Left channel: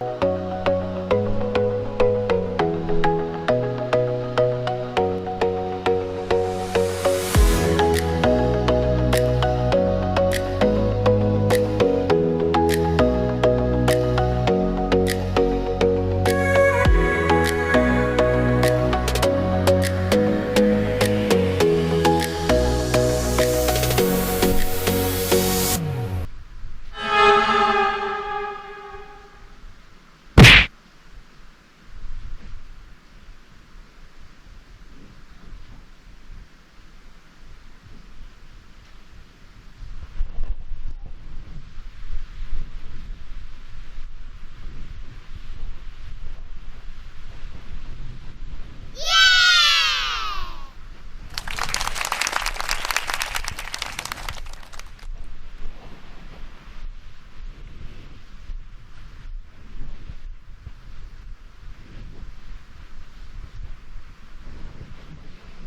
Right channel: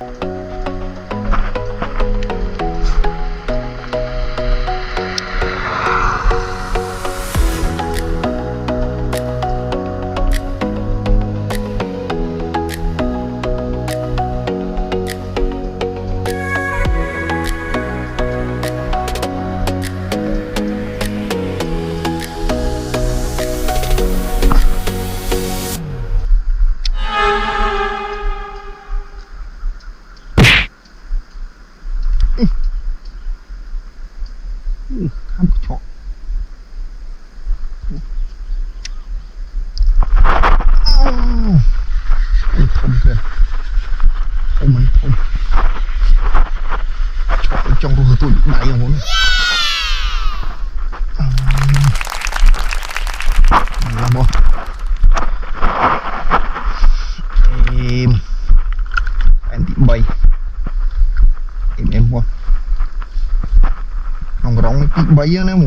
ข้ามกระชอกทมเกินทมมันทมชอบจ้องตัวตัวใหญ่ของผมมาบ่em bị bay emบ่ ông rong bị bay á nếu mà